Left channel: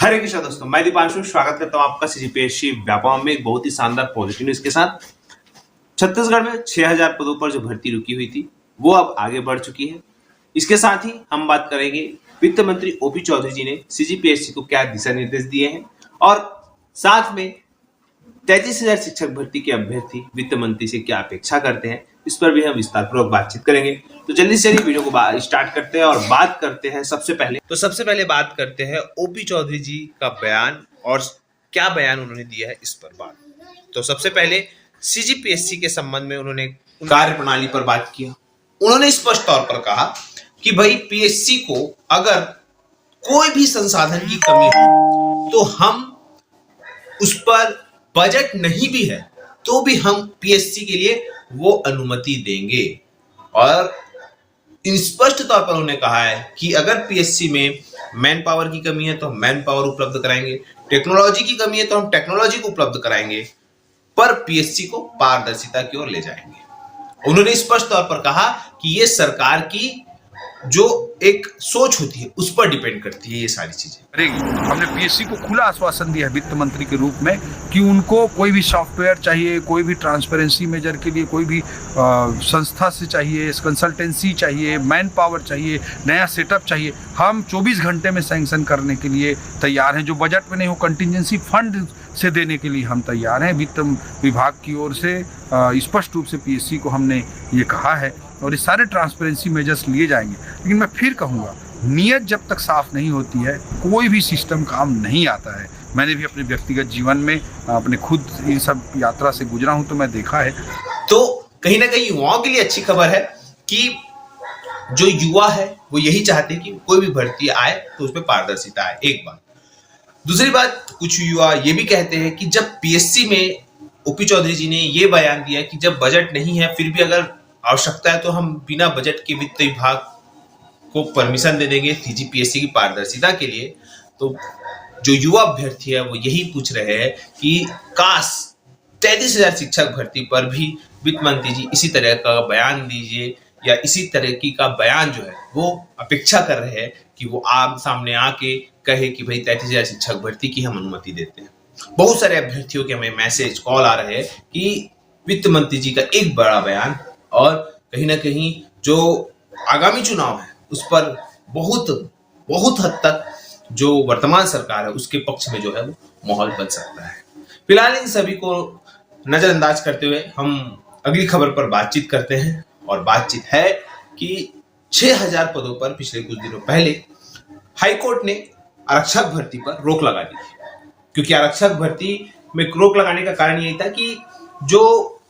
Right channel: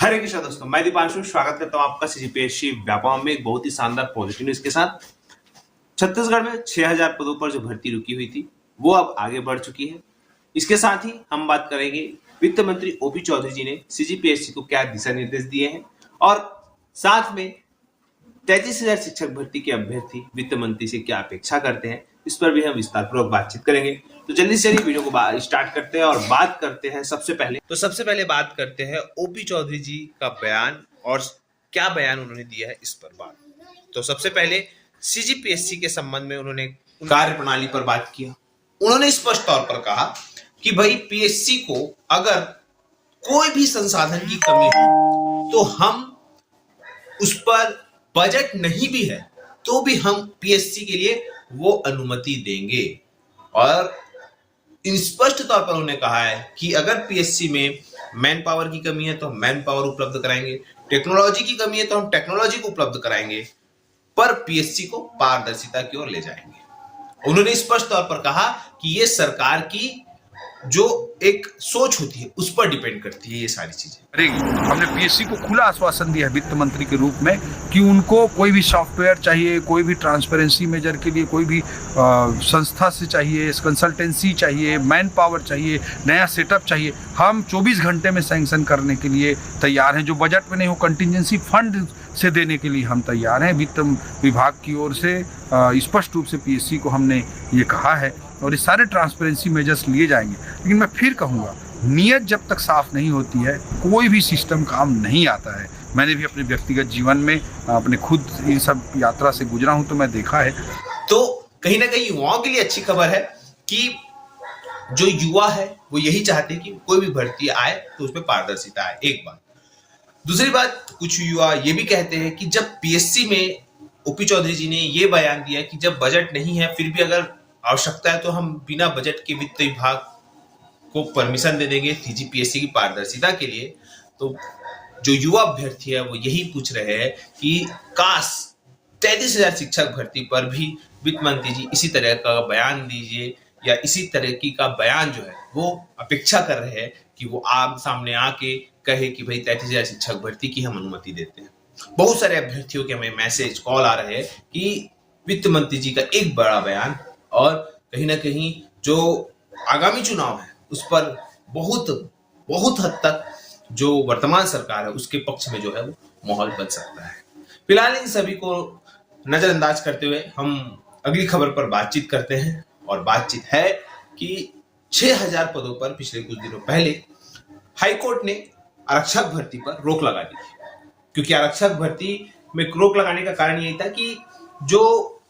हरे कृष्णा दोस्तों, मैं दीपांशु स्वागत करता हूं आपका सीजीपीएससी व्यापम में एक बहुत ही शानदार पॉजिटिव न्यूज के साथ। छत्तीसगढ़ में 6000 पदों पर जो भर्ती रुकी हुई थी वो अब आगे बढ़ चुकी है। इसके साथ ही हम बात करेंगे वित्त मंत्री ओपी चौधरी जी ने सीजीपीएससी को क्या दिशा निर्देश दिए हैं और साथ में 33,000 शिक्षक भर्ती के अभ्यर्थी वित्त मंत्री से क्या अपेक्षा करते हैं, इस पर भी हम विस्तारपूर्वक बातचीत करेंगे। तो जल्दी से वीडियो को स्टार्ट करते हैं और बात करते हैं सबसे पहले बात करते हैं ओपी चौधरी जी का बयान और क्या बयान उन्होंने दिया है इस पर बात। तो सबसे पहले सीजीपीएससी के संबंध में उन्होंने कार्य प्रणाली पर बात किया। उन्होंने स्पष्ट तौर पर कहा कि भाई पीएससी को अगर कोई भी संसाधन की कमी हो तो हम उस पर बजट नहीं भी है तो भी हम पीएससी के लिए वो अनुमति देंगे। और स्पष्ट तौर पर उन्होंने कहा है कि अगर पीएससी में मैन पावर की कमी है तो हम मैन पावर उपलब्ध कराएंगे, टेक्नोलॉजी की कमी है तो हम टेक्नोलॉजी को उपलब्ध कराएंगे, पर पीएससी को पारदर्शिता की ओर ले जाएंगे। उन्होंने स्पष्ट तौर पर कहा कि ये सरकार की जो एक सोच होती है उस पर डिपेंड करती है ये सारी चीजें। हमने पीएससी को खुला आश्वासन दिया है वित्त मंत्री के रूप में कि उनको कोई भी सॉफ्टवेयर चाहिए, कोई भी ट्रांसपेरेंसी मेजर के लिए कोई भी संस्था से चाहिए, कंसल्टेंसी चाहिए, मैन पावर चाहिए, नया सेटअप चाहिए, हम 24 घंटे में सैंक्शन करने के लिए तैयार हैं। जो बजट में नहीं हो कंटिजेंसी फंड से देने के लिए हम तैयार हैं। वित्त विभाग की ओर से स्पष्ट रूप से पीएससी को हमने ये कहा है और ये सारे ट्रांसपेरेंसी मेजर्स लिए जाएंगे। लेकिन मैं फिर कहूँगा, नीयत जब तक साफ नहीं होती है कोई भी सिस्टम काम नहीं आता है। मैंने भी अपने व्यक्तिगत जीवन में अपने खुद इन सब यात्रा से गुजरा हूँ तो मैं देखा है। तो कहीं ना कहीं युवाओं के लिए अच्छी खबर है कि जो युवा है वो यही चाहते हैं कि कोई भी भर्ती आए तो उसमें पारदर्शिता आए। एक बात। दूसरी बात, कुछ युवा ये भी कहते हैं कि जब पीएससी में ओपी चौधरी जी ने ये बयान दिया कि जब बजट नहीं है फिर भी अगर आवश्यकता है तो हम बिना बजट के वित्त विभाग को परमिशन दे देंगे सीजीपीएससी की पारदर्शिता के लिए। तो जो युवा अभ्यर्थी है वो यही पूछ रहे हैं कि काश 33,000 शिक्षक भर्ती पर भी वित्त मंत्री जी इसी तरह का बयान दीजिए या इसी तरह की का बयान जो है वो अपेक्षा कर रहे हैं कि वो आम सामने आके कहे कि भाई 33,000 शिक्षक भर्ती की हम अनुमति देते हैं। बहुत सारे अभ्यर्थियों के हमें मैसेज कॉल आ रहे हैं कि वित्त मंत्री जी का एक बड़ा बयान और कहीं ना कहीं जो आगामी चुनाव है उस पर बहुत हद तक जो वर्तमान सरकार है उसके पक्ष में जो है वो माहौल बन सकता है। फिलहाल इन सभी को नजरअंदाज करते हुए हम अगली खबर पर बातचीत करते हैं और बातचीत है कि 6000 पदों पर पिछले कुछ दिनों पहले हाईकोर्ट ने आरक्षक भर्ती पर रोक लगा दी थी। क्योंकि आरक्षक भर्ती में रोक लगाने का कारण यही था कि जो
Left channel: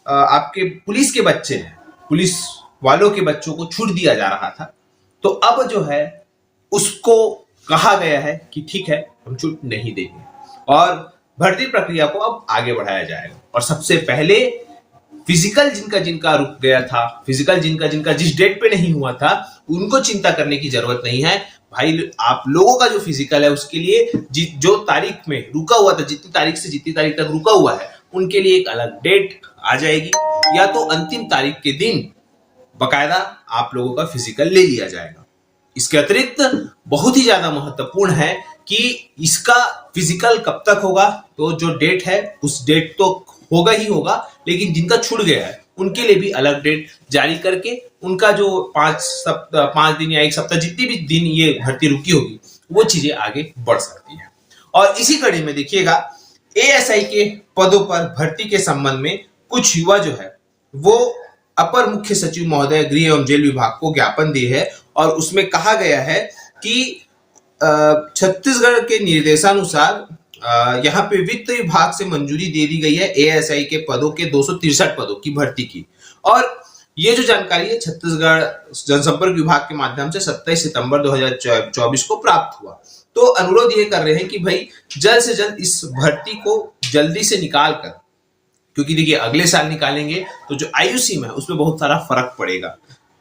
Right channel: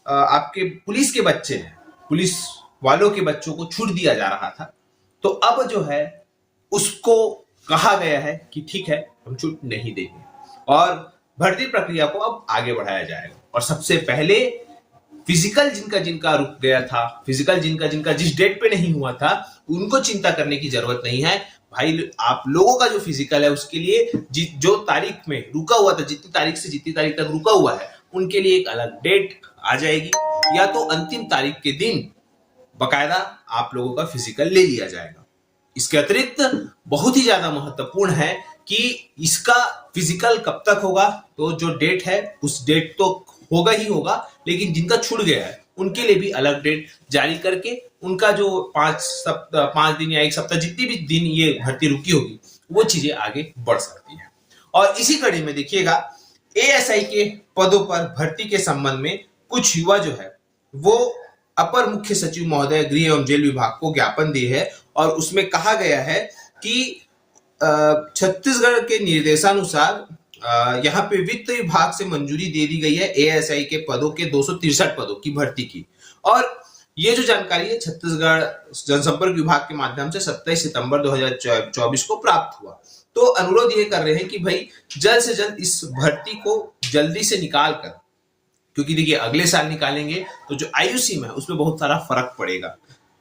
आपके पुलिस के बच्चे हैं, पुलिस वालों के बच्चों को छूट दिया जा रहा था, तो अब जो है उसको कहा गया है कि ठीक है हम छूट नहीं देंगे और भर्ती प्रक्रिया को अब आगे बढ़ाया जाएगा। और सबसे पहले फिजिकल जिनका रुक गया था, फिजिकल जिनका जिस डेट पे नहीं हुआ था, उनको चिंता करने की जरूरत नहीं है भाई। आप लोगों का जो फिजिकल है उसके लिए जो तारीख में रुका हुआ था, जितनी तारीख से जितनी तारीख तक रुका हुआ है, उनके लिए एक अलग डेट आ जाएगी या तो अंतिम तारीख के दिन बकायदा आप लोगों का फिजिकल ले लिया जाएगा। इसके अतिरिक्त बहुत ही ज्यादा महत्वपूर्ण है कि इसका फिजिकल कब तक होगा, तो जो डेट है उस डेट तो होगा ही होगा, लेकिन जिनका छूट गया है उनके लिए भी अलग डेट जारी करके उनका जो 5 दिन या 1 सप्ताह जितनी भी दिन ये भर्ती रुकी होगी वो चीजें आगे बढ़ सकती है। और इसी कड़ी में देखिएगा, एएसआई के पदों पर भर्ती के संबंध में कुछ युवा जो है वो अपर मुख्य सचिव महोदय गृह एवं जेल विभाग को ज्ञापन दिए है और उसमें कहा गया है कि छत्तीसगढ़ के निर्देशानुसार यहाँ पे वित्त विभाग से मंजूरी दे दी गई है एएसआई के पदों के 263 पदों की भर्ती की। और ये जो जानकारी है छत्तीसगढ़ जनसंपर्क विभाग के माध्यम से 27 सितंबर 2024 को प्राप्त हुआ। तो अनुरोध ये कर रहे हैं कि भाई जल्द से जल्द इस भर्ती को जल्दी से निकाल कर, क्योंकि देखिए अगले साल निकालेंगे तो जो आयु सीमा है उसमें बहुत सारा फर्क पड़ेगा।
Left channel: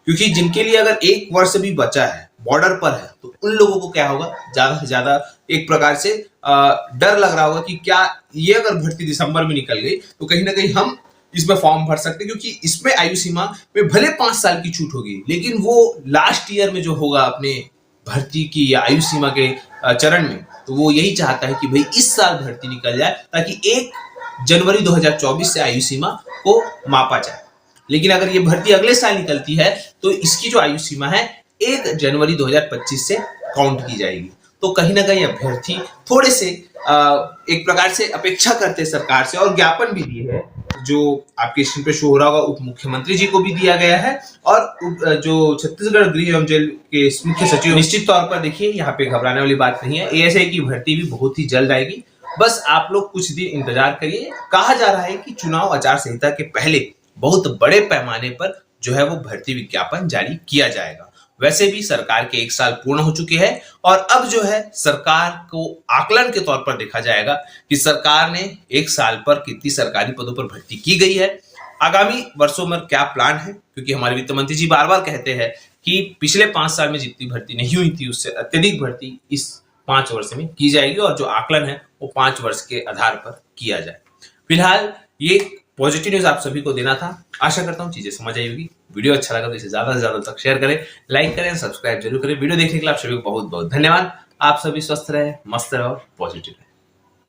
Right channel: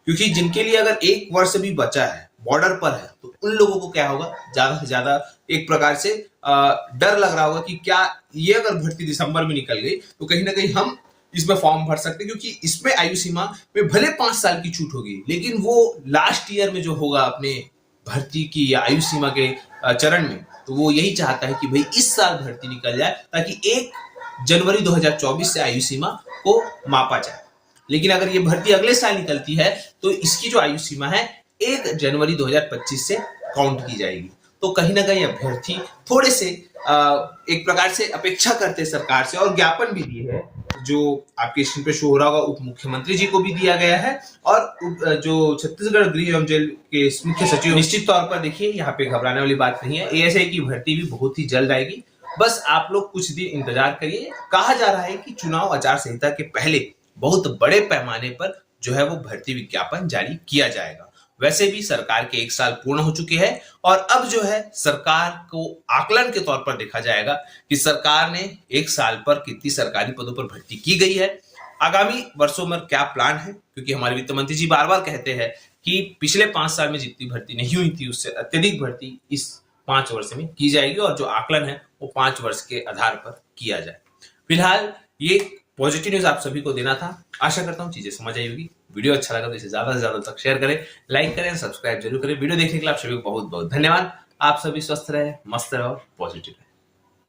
क्योंकि जिनके लिए अगर 1 वर्ष भी बचा है, बॉर्डर पर है, तो उन लोगों को क्या होगा, ज्यादा से ज्यादा एक प्रकार से डर लग रहा होगा कि क्या ये अगर भर्ती दिसंबर में निकल गई तो कहीं ना कहीं हम इसमें फॉर्म भर सकते हैं। क्योंकि इसमें आयु सीमा में भले 5 साल की छूट होगी, लेकिन वो लास्ट ईयर में जो होगा अपने भर्ती की या आयु सीमा के चरण में, तो वो यही चाहता है कि भाई इस साल भर्ती निकल जाए ताकि 1 जनवरी 2024 से आयु सीमा को मापा जाए। लेकिन अगर ये भर्ती अगले साल निकलती है तो इसकी जो आयु सीमा है 1 जनवरी 2025 से काउंट की जाएगी। तो कहीं ना कहीं अभ्यर्थी थोड़े से एक प्रकार से अपेक्षा करते हैं सरकार से, और ज्ञापन भी दिए है जो आपके स्क्रीन पे शो हो रहा होगा, उप मुख्यमंत्री जी को भी दिया गया है और जो छत्तीसगढ़ गृह एवं जेल के मुख्य सचिव। निश्चित तौर पर देखिए यहाँ पे घबराने वाली बात नहीं है, एएसआई की भर्ती भी बहुत ही जल्द आएगी। बस आप लोग कुछ दिन इंतजार करिए। कहा जा रहा है कि चुनाव आचार संहिता के पहले बहुत बड़े पैमाने पर जो है वो भर्ती विज्ञापन जारी किया जाएगा। वैसे भी सरकार के 1 साल पूर्ण हो चुके हैं और अब जो है सरकार को आकलन के तौर पर देखा जाएगा कि सरकार ने 1 साल पर कितनी सरकारी पदों पर भर्ती की गई है, आगामी वर्षों में क्या प्लान है। क्योंकि हमारे वित्त मंत्री जी बार बार कहते हैं कि पिछले 5 साल में जितनी भर्ती नहीं हुई थी उससे अत्यधिक भर्ती इस 5 वर्ष में की जाएगी और जो आकलन है वो 5 वर्ष के आधार पर किया जाए। फिलहाल ये पॉजिटिव न्यूज आप सभी को देना था। आशा करता हूँ चीजें समझ आई होगी। वीडियो अच्छा लगा तो इसे ज्यादा से ज्यादा तक शेयर करें, लाइक करें, सब्सक्राइब जरूर करें। वीडियो देखने के लिए आप सभी को बहुत बहुत धन्यवाद। आप सभी स्वस्थ रहे, मस्त रहे और पॉजिटिव रहे।